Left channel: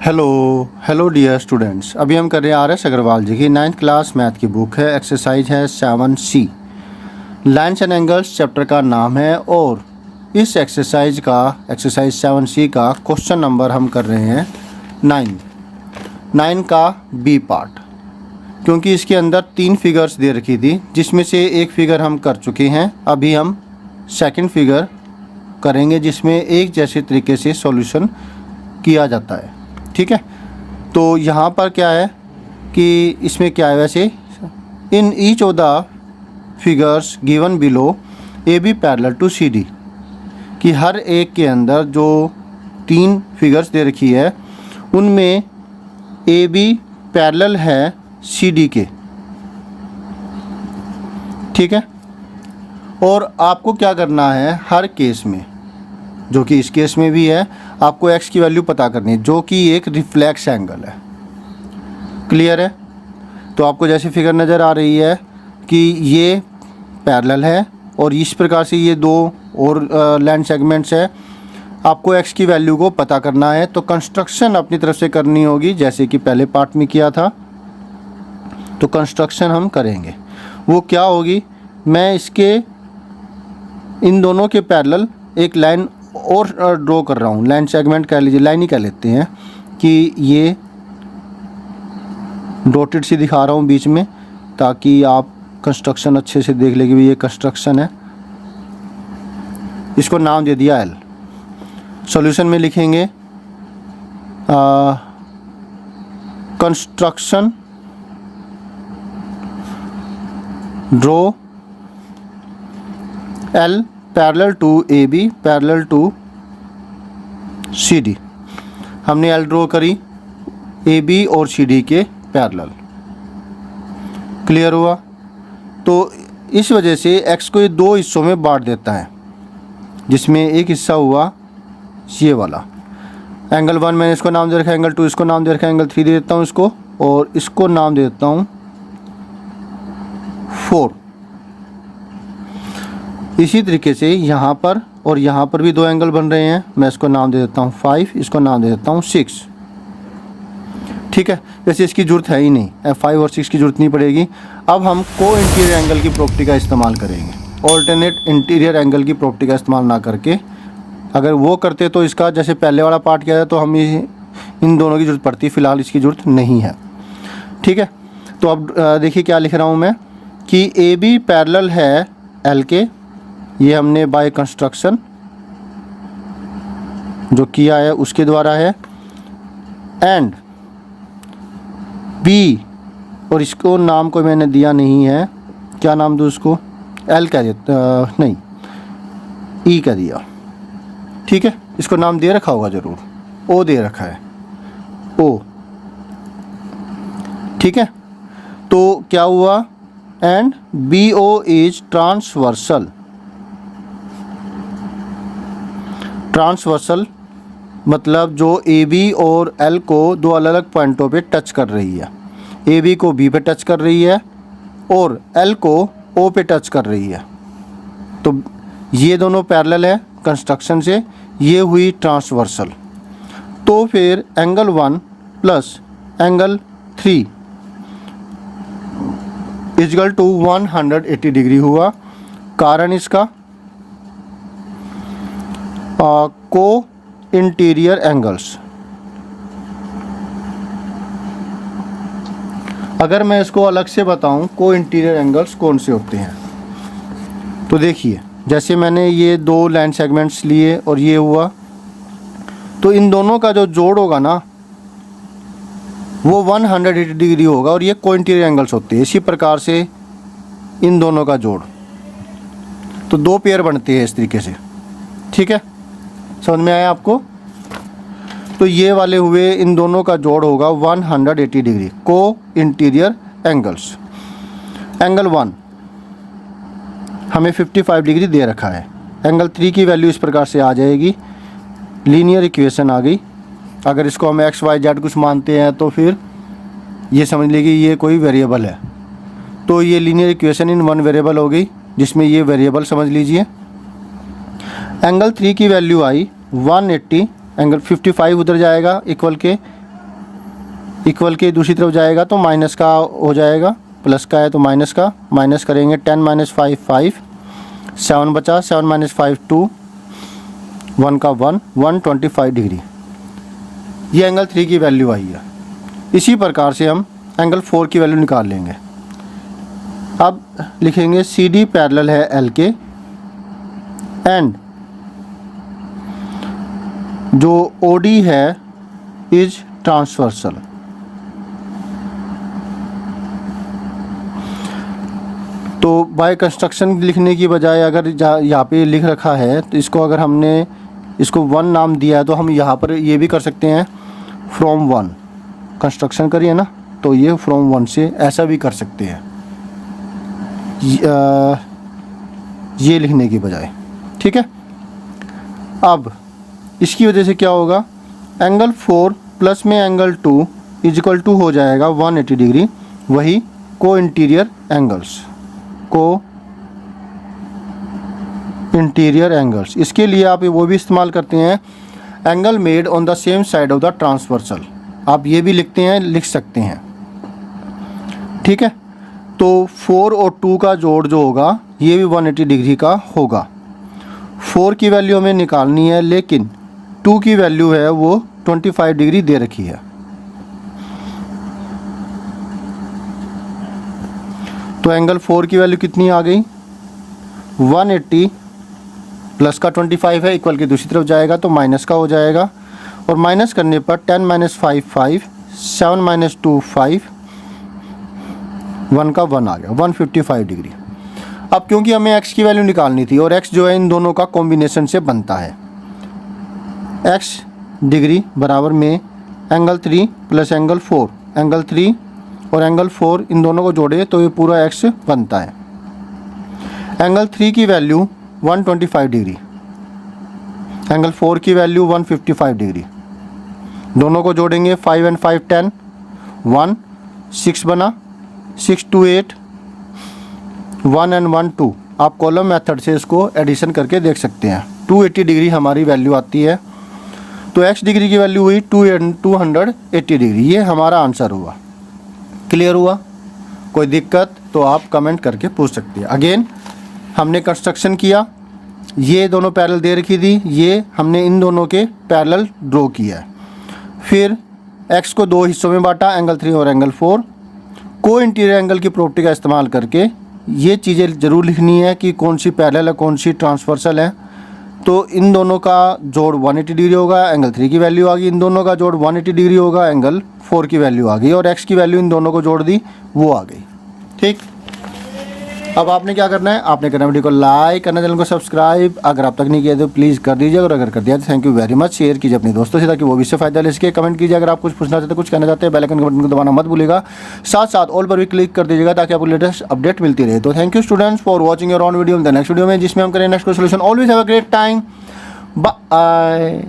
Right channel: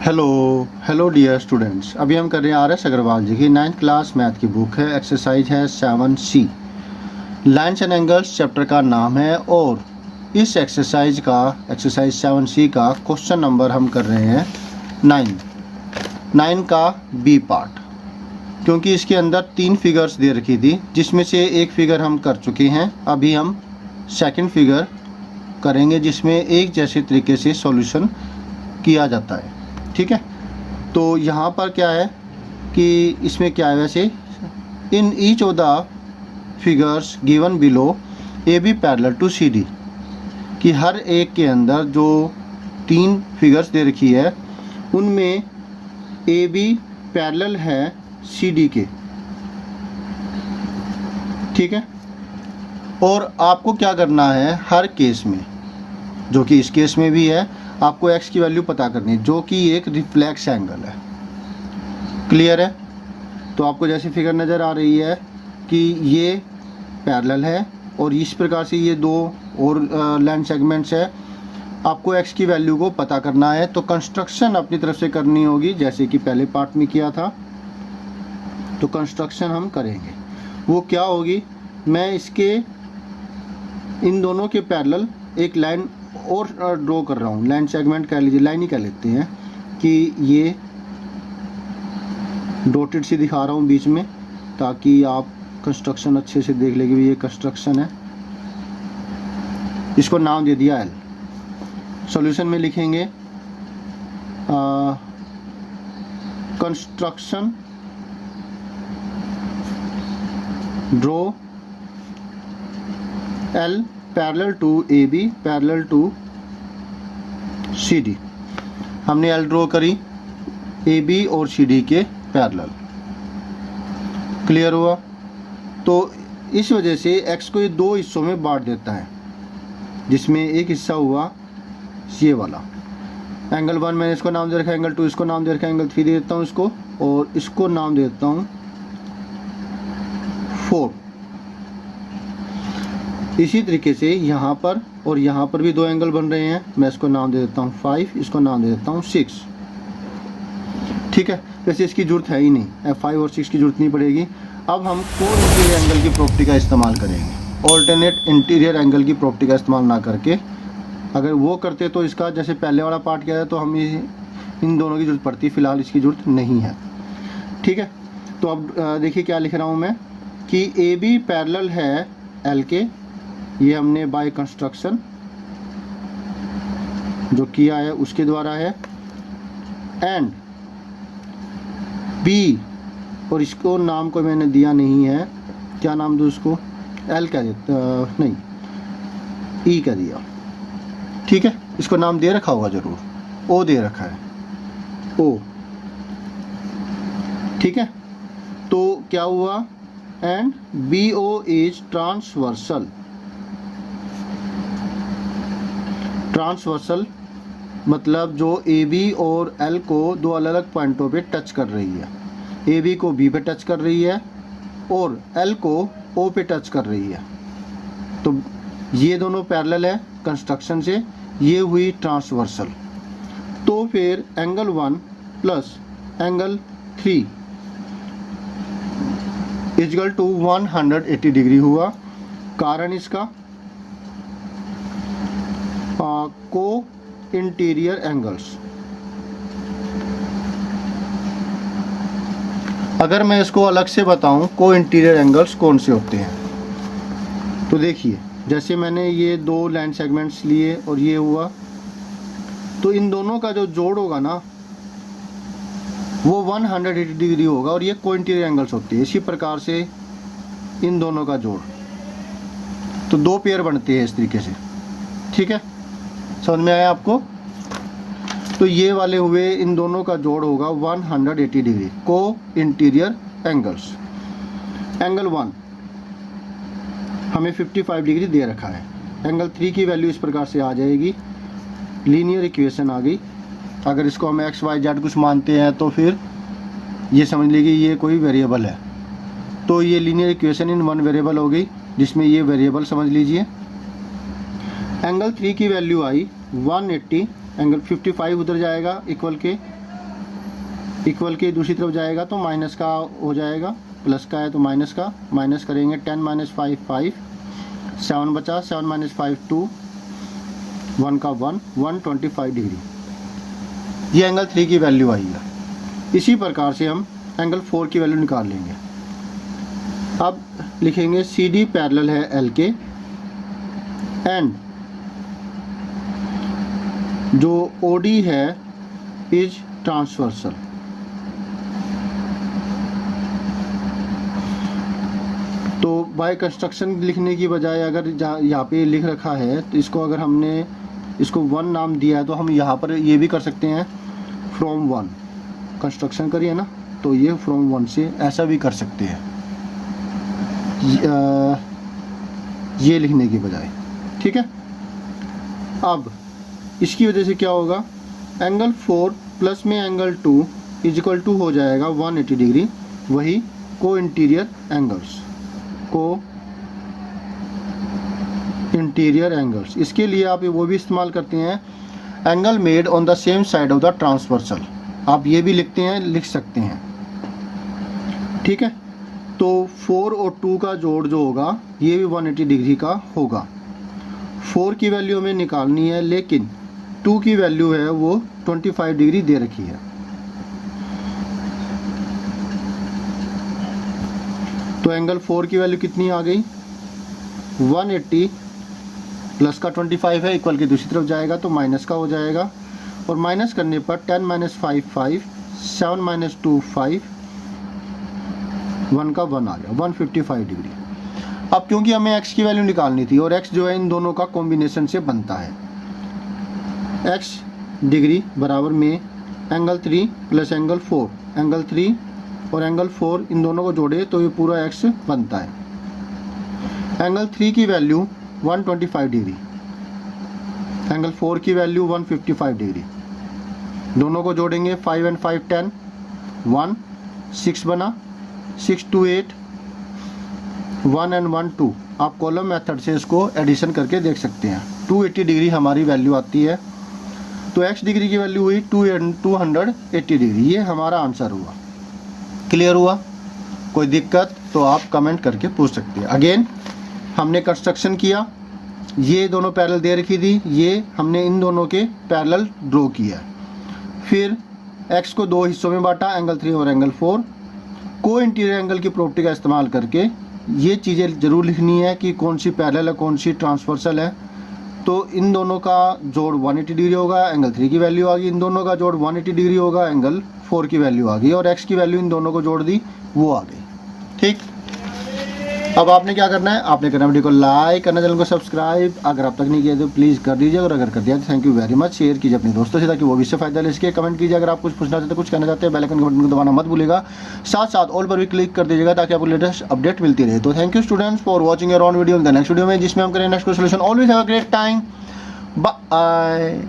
Hello dear students. अभी हम कर रहे हैं आर.एस. अग्रवाल जी की 9th क्लास मैथ की बुक है। एक्सरसाइज है 7C। Lines and angles chapter का नाम है और इस एक्सरसाइज 7C का क्वेश्चन नंबर हम कर रहे हैं 9 का बी पार्ट, क्योंकि इसके अंदर 3 फिगर्स दे रखी थी जिसमें से एक फिगर हम कर चुके हैं। अभी हम सेकंड फिगर करेंगे जिसमें एक जैसे तरीके से सॉल्यूशन किया जाता है। ठीक है, तो यहाँ पर क्या है कि इसमें क्या है, वैसे in each of the figures given below A B parallel to C D, कि हर एक के अंदर जो 3 फिगर्स दे रखी है उनमें ए बी पैरेलल है सी डी के। ठीक है, और आपको क्या करना है हर केस में, जो कि इस केस में भी है, आपको x की वैल्यू पता करनी है जो कि एक रिफ्लेक्स एंगल है। क्लियर है? तो आपको जैसे फिगर नज़र आ रही है कि ये पैरेलल है और इस प्रकार से ये 2 और लाइन सेगमेंट्स है। आपको x की वैल्यू को पता करना है, तो कंस्ट्रक्शन अपनी तरफ से करनी होगी जैसे कि पहले पार्ट में किया था। तो कंस्ट्रक्शन हम करेंगे, वो क्या होगी, मैं इसके इन दोनों के पैरेलल एक लाइन और ड्रॉ कर रहा हूँ। लाइन सेगमेंट कह लीजिए, लाइन ही कह लेते हैं कि ये डॉटेड सी दिखा रहा हूँ बीच में, ताकि आप कंस्ट्रक्शन अच्छे से देख लेंगे। ये कंस्ट्रक्शन है, इसको नाम दे दिया एल। सॉल्यूशन में लिखेंगे construction draw L parallel to A B parallel to C D. हमने एल ड्रॉ करी ए बी और सी डी के पैरेलल। क्लियर हुआ? तो इस वजह से एक्स को ये 2 हिस्सों में बांट देता है, जिसमें एक हिस्सा हुआ ये वाला एंगल 1, मैंने इसको नाम दे रखा है एंगल 2, इसको नाम दे रखा है एंगल 3 दे देता हूँ इसको, और इसको नाम दे देता हूँ 4। इसी तरीके से यहाँ पर और यहाँ पर भी 2 एंगल बन रहे हैं, मैं इसको नाम दे देता हूँ 5, इसको नाम दे देता हूँ 6। ठीक है, वैसे इसकी ज़रूरत है ही नहीं, 5 और 6 की ज़रूरत नहीं पड़ेगी। अब हम को इंटीरियर एंगल की प्रॉपर्टी का इस्तेमाल करेंगे, ऑल्टरनेट इंटीरियर एंगल की प्रॉपर्टी का इस्तेमाल ना करके। अगर वो करते तो इसका जैसे पहले वाला पार्ट किया है तो हम इन दोनों की ज़रूरत पड़ती, फ़िलहाल इसकी ज़रूरत नहीं है। ठीक है, तो अब देखिए क्या लिख रहा हूँ मैं कि ए बी पैरेलल है एल के, ये हमने बाय कंस्ट्रक्शन जो किया है उसके द्वारा है, एंड बी, और इसको नाम को मैंने दिया नहीं है, क्या नाम दूँ उसको, एल कह देता, नहीं ई कह दिया। ठीक है, इसको नाम दे रखा होगा ज़रूर, ओ दे रखा है, ओ। ठीक है, तो क्या हुआ, and B O is transversal. Transversal मतलब जो ए बी और एल को 2 अलग अलग पॉइंटों पे टच कर रही है। ए बी को बी पे टच कर रही है और एल को ओ पे टच कर रही है। तो ये दोनों पैरेलल है कंस्ट्रक्शन से, ये हुई ट्रांसवर्सल। तो फिर angle 1 plus angle 3 equal to 180 degree हुआ। कारण इसका को इंटीरियर एंगल्स। अगर मैं इसको अलग से बताऊं को इंटीरियर एंगल्स कौन से होते हैं, तो देखिए जैसे मैंने ये 2 लाइन सेगमेंट्स लिए और ये हुआ, तो इन दोनों का जो जोड़ होगा ना वो 180 डिग्री होगा, और ये को इंटीरियर एंगल्स होते हैं। इसी प्रकार से इन दोनों का जोड़, तो 2 पेयर बनते हैं इस तरीके से। ठीक है, समझ में आया आपको? तो ये वाले हुए, इन दोनों का जोड़ होगा 180 डिग्री, को इंटीरियर एंगल्स। एंगल 1 हमें 55 डिग्री दे रखा है। एंगल 3 की वैल्यू इस प्रकार से आ जाएगी, लीनियर इक्वेशन आ गई। अगर इसको हम एक्स वाई जेड कुछ मानते हैं तो फिर ये समझ लीजिए ये कोई वेरिएबल है, तो ये लीनियर इक्वेशन इन 1 वेरिएबल हो गई, जिसमें ये वेरिएबल समझ लीजिए। एंगल 3 की वैल्यू आई 180, एंगल 55 उधर जाएगा इक्वल के इक्वल के दूसरी तरफ जाएगा तो माइनस का हो जाएगा, प्लस का है तो माइनस का, माइनस करेंगे 10 माइनस 5 5, 7 बचा, 7 माइनस 5 2, 1 का 1, 125 डिग्री। ये एंगल 3 की वैल्यू आई है। इसी प्रकार से हम एंगल 4 की वैल्यू निकाल लेंगे। अब लिखेंगे सी डी पैरेलल है एल के एंड जो ओ डी है इज ट्रांसवर्सल। तो बाय कंस्ट्रक्शन लिखने की बजाय अगर यहाँ पे लिख रखा है तो इसको अगर हमने इसको 1 नाम दिया है तो हम यहाँ पर ये भी कर सकते हैं फ्रॉम 1। कंस्ट्रक्शन करिए ना तो ये फ्रॉम 1 से ऐसा भी कर सकते हैं ये लिखने की बजाय, ठीक है। अब इसकी वजह से क्या होगा, एंगल 4 प्लस में एंगल 2 इज इक्वल टू हो जाएगा 180 डिग्री। वही को इंटीरियर एंगल्स, इसके लिए आप वो भी इस्तेमाल करते हैं angle made on the same side of the transversal. आप ये भी लिख सकते हैं, ठीक है। तो 4 और 2 का जोड़ जो होगा ये भी 180 डिग्री का होगा। 4 की वैल्यू हमें निकालनी है लेकिन 2 की वैल्यू है वो 25 डिग्री दे रखी है। तो एंगल 4 की वैल्यू कितनी आ गई, 180 प्लस का 25 है, इक्वल की दूसरी तरफ जाएगा तो माइनस का हो जाएगा, और माइनस करने पर 10 माइनस 5 5, 7 माइनस 2 5, 1 का 1 आ गया, 155 डिग्री। अब क्योंकि हमें x की वैल्यू निकालनी थी और x जो है इन दोनों का कॉम्बिनेशन से बनता है, x डिग्री बराबर में एंगल 3 प्लस एंगल 4, एंगल 3 और एंगल 4 इन दोनों को जोड़े तो ये पूरा x बनता है। एंगल 3 की वैल्यू 125 डिग्री, एंगल 4 की वैल्यू 155 डिग्री, दोनों को जोड़ेंगे 5 एंड 5 10, 1 6 बना, 6 2 8, 1 एंड 1 2। आप कॉलम मेथड से इसको एडिशन करके देख सकते हैं। 280 डिग्री हमारी वैल्यू आती है, तो x डिग्री की वैल्यू हुई 280 डिग्री। ये हमारा आंसर हुआ। क्लियर हुआ? कोई दिक्कत तो आप कमेंट करके पूछ सकते हैं। अगेन हमने कंस्ट्रक्शन किया, ये दोनों पैरेलल दे रखी थी, ये हमने इन दोनों के पैरेलल ड्रॉ किया है। फिर x को 2 हिस्सों में बांटा, एंगल 3 और एंगल 4। को इंटीरियर एंगल की प्रॉपर्टी का इस्तेमाल करके ये चीज़ें ज़रूर लिखनी है कि कौन सी पैरेलल है, कौन सी ट्रांसवर्सल है। तो इन दोनों का जोड़ 180 डिग्री होगा, एंगल 3 की वैल्यू आ गई, इन दोनों का जोड़ 180 डिग्री होगा, एंगल 4 की वैल्यू आ गई, और x की वैल्यू इन दोनों को जोड़ दी वो आ गई। ठीक, अब आपने क्या करना है, आपने करना वीडियो को लाइक करना, चैनल को सब्सक्राइब अगर आप तक नहीं किया तो प्लीज़ कर दीजिए, और अगर कर दिया तो thank you very much. Share कीजिए अपने दोस्तों से ताकि वो भी इससे फायदा ले सके। कमेंट कीजिए अगर आप कुछ पूछना चाहते हैं, कुछ कहना चाहते हैं, बेल आइकन के बटन को दबाना मत भूलिएगा। साथ साथ ऑल पर भी क्लिक कर दीजिएगा ताकि आपको लेटेस्ट अपडेट मिलती रहे। तो thank you students for watching your on video. In the next video में जिसमें हम करें next solution. Always have a great time, bye.